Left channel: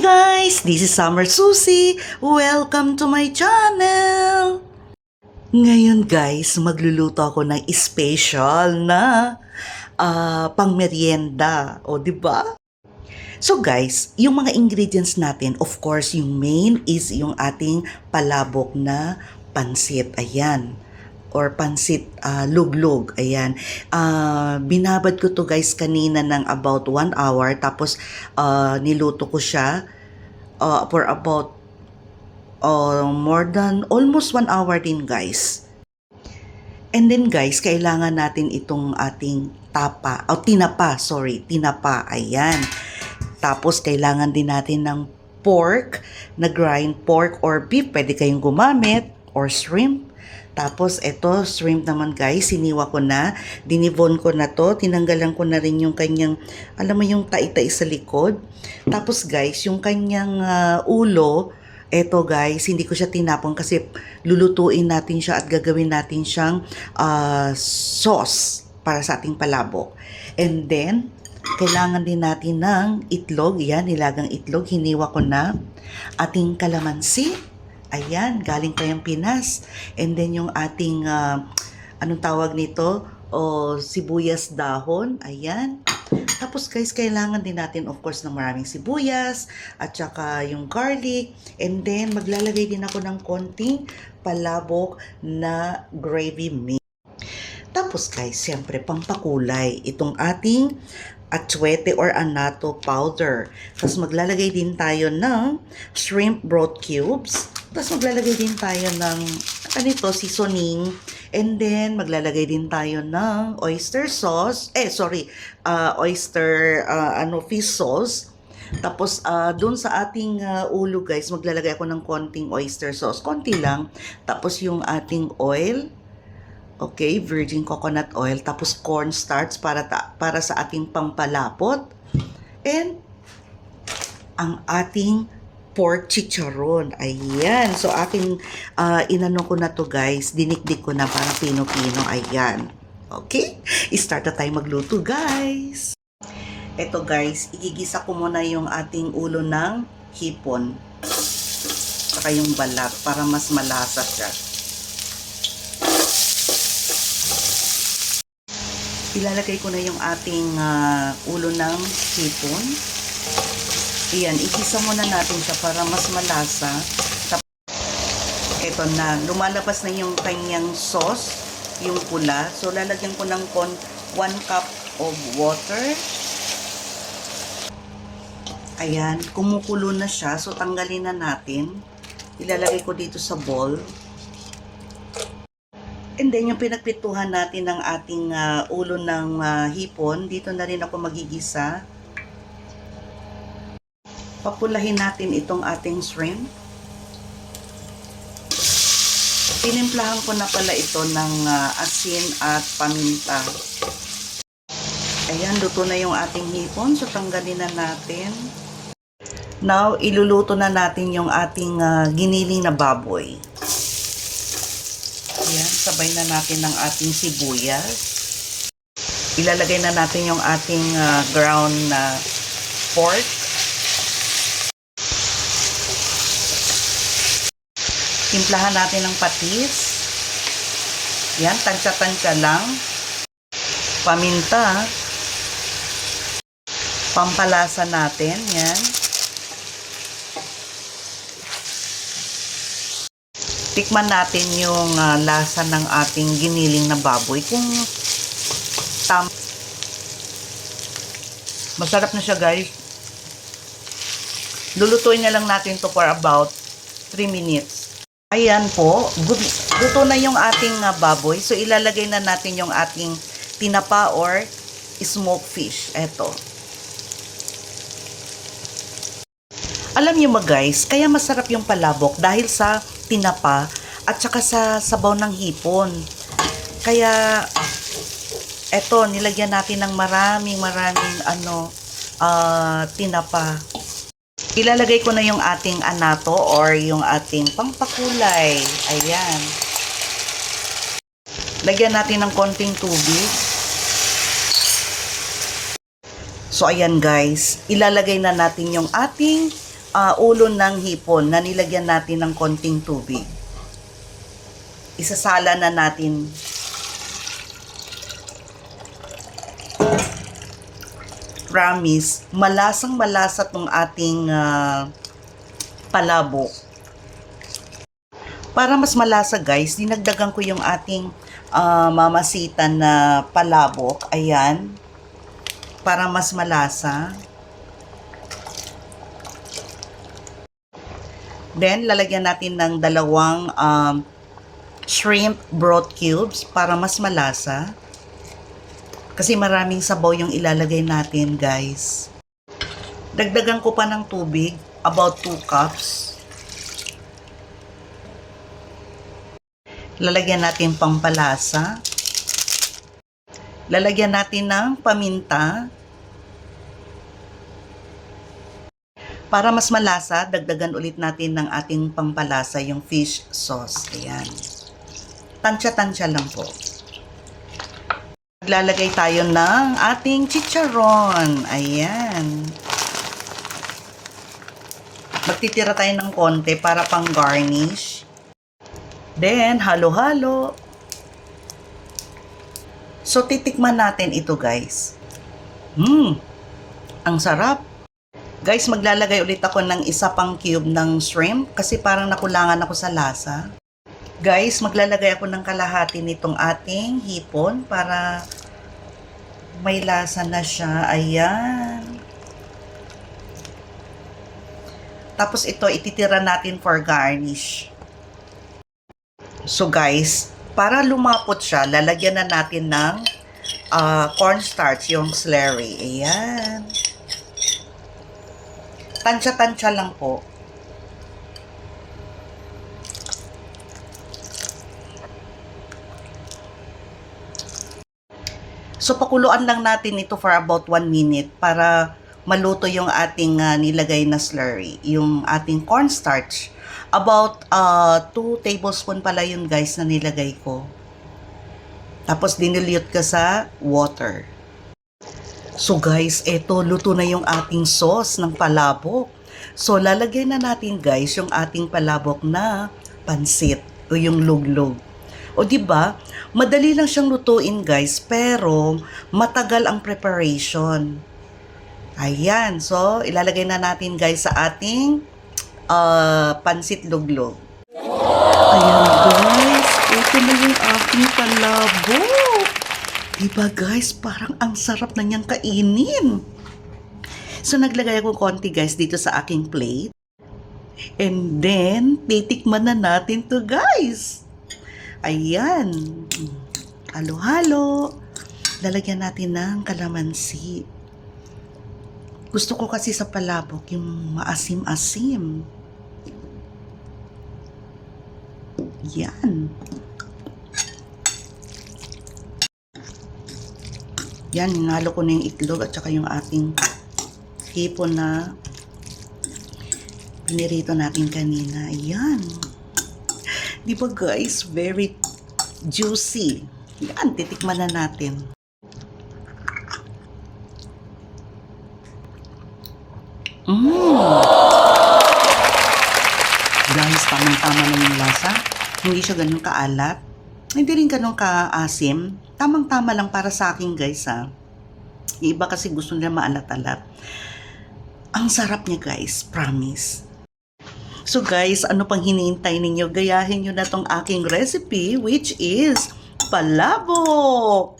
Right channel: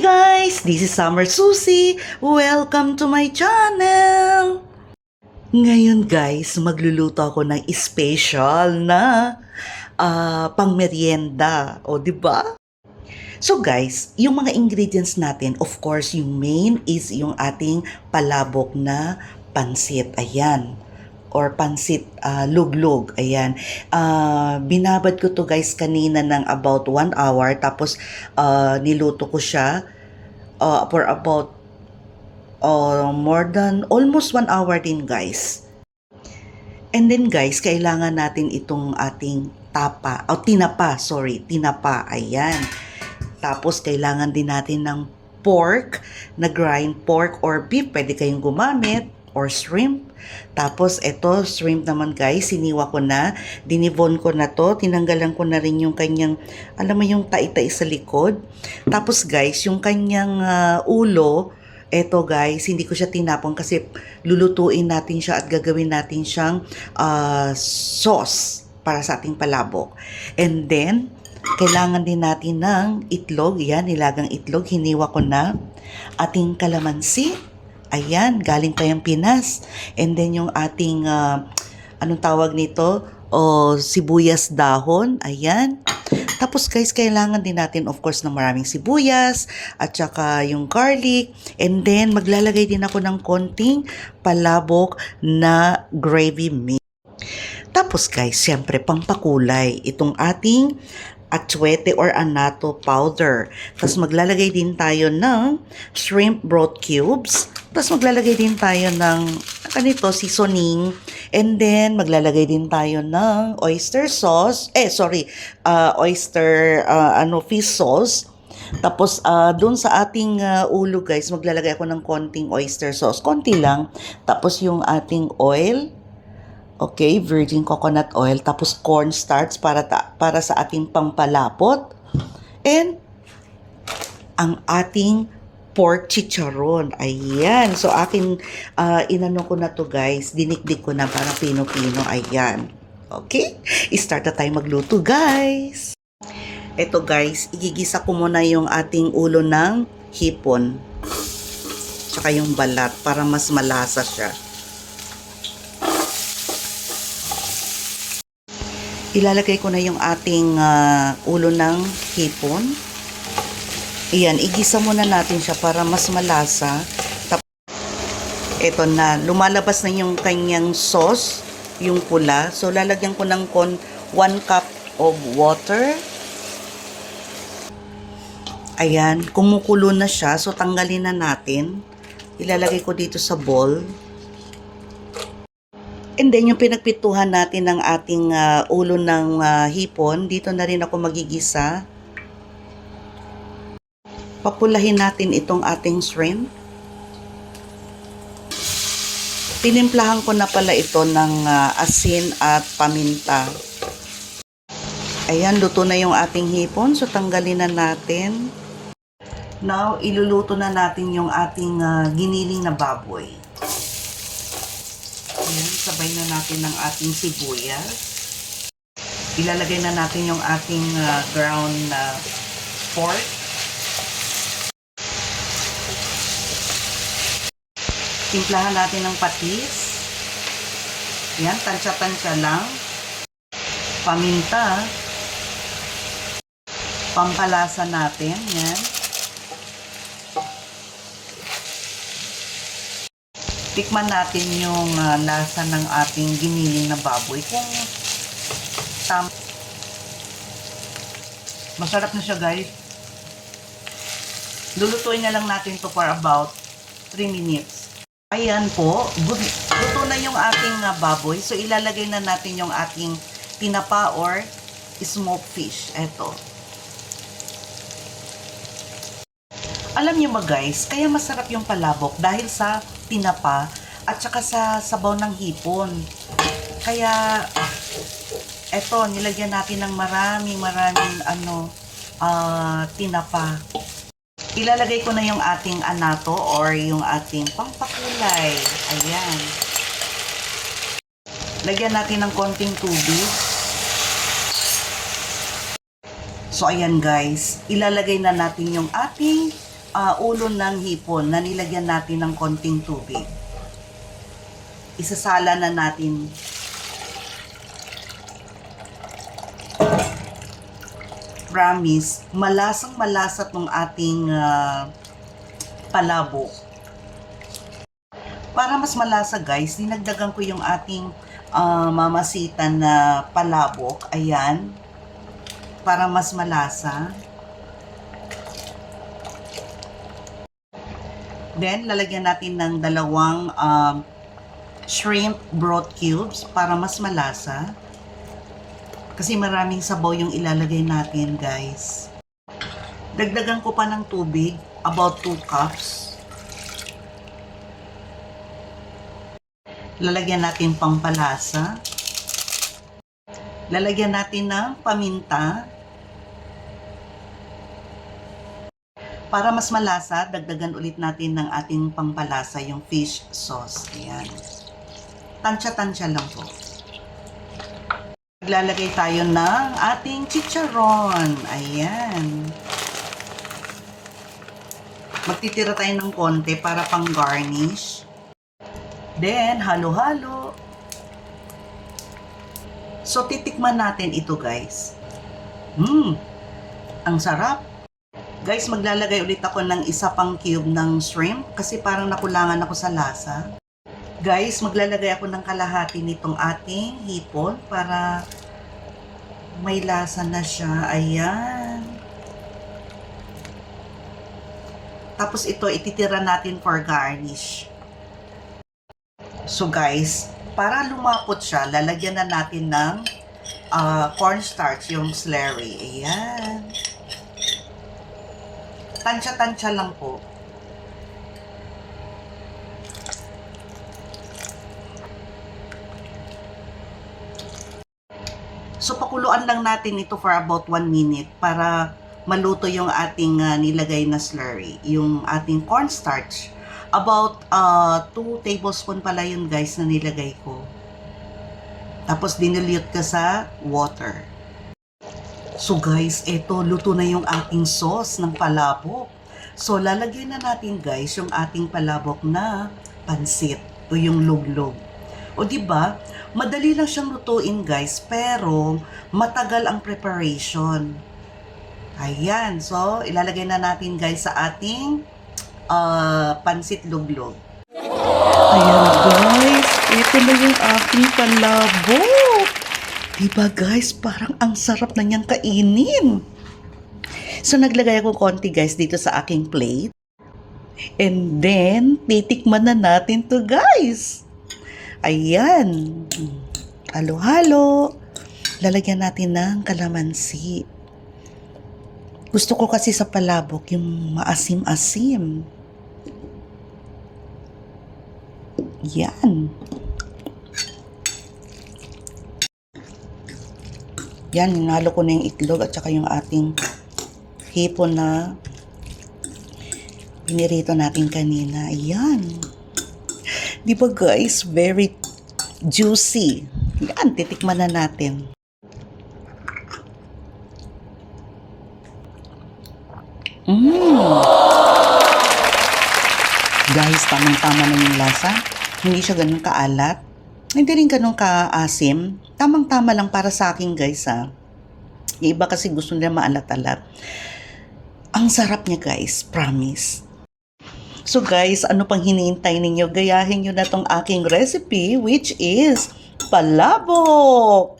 Guys, this is Summer Susie. Welcome to my channel. Ngayon guys, magluluto ako ng special na pangmeryenda. O, di ba? So guys, yung mga ingredients natin, of course, yung main is yung ating palabok na pansit. Ayan. Or pansit luglog. Ayan. Binabad ko to guys kanina ng about 1 hour. Tapos niluto ko siya for about more than almost 1 hour din guys. And then guys, kailangan natin itong ating tinapa, ayan. Tapos kailangan din natin ng pork, na grind pork or beef, pwede kayong gumamit, or shrimp. Tapos ito, shrimp naman guys, siniwa ko na, dinivon ko na to, tinanggalan ko na rin yung kanyang, alam mo yung tai-tai sa likod. Tapos guys, yung kanyang ulo, eto guys, hindi ko siya tinapon kasi lulutuin natin siya at gagawin natin siyang sauce para sa ating palabok. And then, kailangan din natin ng itlog. Yan, nilagang itlog. Hiniwa ko na. Ating kalamansi. Ayan, galing tayong Pinas. And then yung ating, anong tawag nito? Sibuyas dahon. Ayan. Tapos guys, kailangan din natin of course ng maraming sibuyas at saka yung garlic. And then maglalagay din ako ng konting palabok na gravy mix. Tapos guys, syempre pampakulay itong ating atsuete or anato powder. Tapos maglalagay din tayo ng shrimp broth cubes. Tapos maglalagay din tayo ng seasoning. And then maglalagay din tayo ng oyster sauce. Fish sauce. Tapos doon sa ating ulo guys, maglalagay ako ng konting oyster sauce. Konti lang. Tapos yung ating oil. Okay, virgin coconut oil, tapos cornstarch para sa ating pampalapot. And ang ating pork chicharon. Ayan. So aking inano ko na to guys, dinikdik ko na para pino-pino. Ayan. Okay? I-start na tayo magluto guys. Ito guys, igigisa ko muna yung ating ulo ng hipon. Saka yung balat para mas malasa siya. Ilalagay ko na yung ating ulo ng hipon. Ayan, igisa muna natin siya para mas malasa. Ito na, lumalabas na yung kanyang sauce, yung pula. So, lalagyan ko ng 1 cup of water. Ayan, kumukulo na siya. So, tanggalin na natin. Ilalagay ko dito sa bowl. And then, yung pinagpituhan natin ng ating ulo ng hipon, dito na rin ako magigisa. Papulahin natin itong ating shrimp. Tinimplahan ko na pala ito ng asin at paminta. Ayan, luto na yung ating hipon. So, tanggalin na natin. Now, iluluto na natin yung ating giniling na baboy. Ayan, sabay na natin ng ating sibuyas. Ilalagay na natin yung ating ground pork. Timplahan natin ng patis. Yan, tansya-tansya lang. Paminta. Pampalasa natin. Yan. Tikman natin yung lasa ng ating giniling na baboy. Kung masarap na siya guys. Lulutuin na lang natin to for about 3 minutes. Ayan po, luto na yung ating baboy. So ilalagay na natin yung ating tinapa or smoked fish. Eto. Alam niyo ba guys, kaya masarap yung palabok dahil sa tinapa at saka sa sabaw ng hipon. Kaya eto, nilagyan natin ng maraming tinapa. Ilalagay ko na yung ating anato or yung ating pampakulay. Ayan. Lagyan natin ng konting tubig. So ayan guys, ilalagay na natin yung ating ulo ng hipon na nilagyan natin ng konting tubig. Isasala na natin. Promise, malasang malasa tong ating palabok. Para mas malasa guys, dinagdagan ko yung ating mamasitan na palabok. Ayan. Para mas malasa. Then, lalagyan natin ng dalawang shrimp broth cubes para mas malasa. Kasi maraming sabaw yung ilalagay natin, guys. Dagdagan ko pa ng tubig, about 2 cups. Lalagyan natin pampalasa. Lalagyan natin ng paminta. Para mas malasa, dagdagan ulit natin ng ating pampalasa, yung fish sauce. Ayan. Tansya-tansya lang po. Maglalagay tayo ng ating chicharon. Ayan. Magtitira tayo ng konti para pang garnish. Then, halo-halo. So, titikman natin ito, guys. Ang sarap. Guys, maglalagay ulit ako ng isa pang cube ng shrimp kasi parang nakulangan ako sa lasa. Guys, maglalagay ako ng kalahati nitong ating hipon para may lasa na siya. Ayan. Tapos ito, ititira natin for garnish. So guys, para lumapot siya, lalagyan na natin ng cornstarch, yung slurry. Ayan. Tansya-tansya lang po. So, pakuluan lang natin ito for about 1 minute para maluto yung ating nilagay na slurry, yung ating cornstarch. About 2 tablespoon pala yun guys na nilagay ko. Tapos dinilute ka sa water. So guys, eto luto na yung ating sauce ng palabok. So lalagyan na natin guys yung ating palabok na pansit o yung luglog. O di ba? Madali lang siyang lutuin guys, pero matagal ang preparation. Ayan, so ilalagay na natin guys sa ating pansit luglog. Ayan guys, ito na yung aking palabok. Diba guys, parang ang sarap na niyang kainin. So naglagay ako konti guys dito sa aking plate. And then, titikman na natin to guys. Ayan. Halo-halo. Lalagyan natin ng kalamansi. Gusto ko kasi sa palabok yung maasim-asim. Yan. Yan, hinalo ko na yung itlog at saka yung ating hipon na pinirito natin kanina. Ayan. Di ba guys, very juicy. Yan, titikman na natin. Guys, tamang-tama na yung lasa. Hindi siya ganun kaalat. Hindi rin ganun kaasim. Tamang-tama lang para sa akin guys ha. Yung iba kasi gusto nila maalat-alat. Ang sarap niya guys, promise. So guys, ano pang hinihintay ninyo? Gayahin nyo na tong aking recipe which is palabok.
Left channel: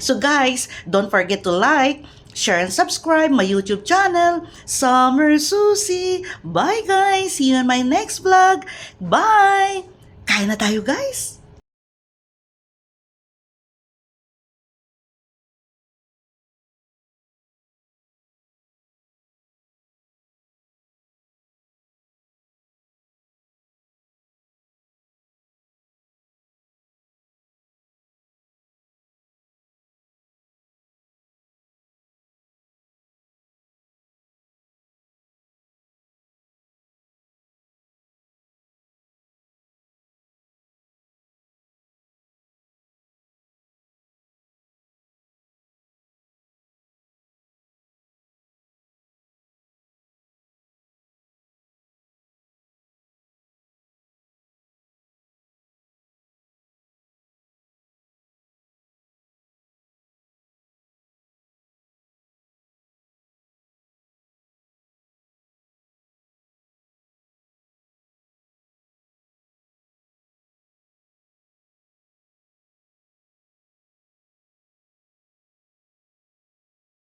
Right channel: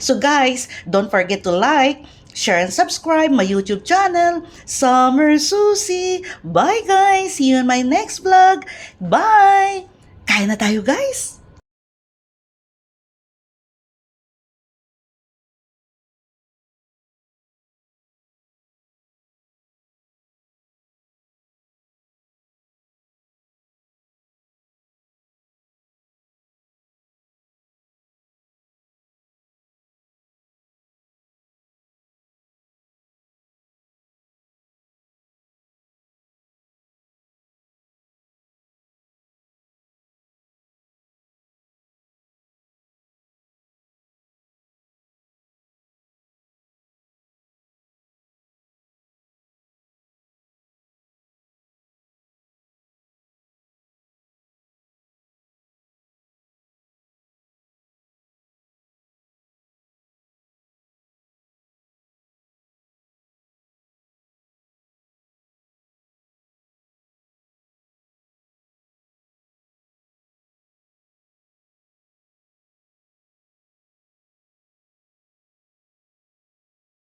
So guys, don't forget to like, share and subscribe my YouTube channel, Summer Susie. Bye guys! See you in my next vlog. Bye! Kain na tayo guys!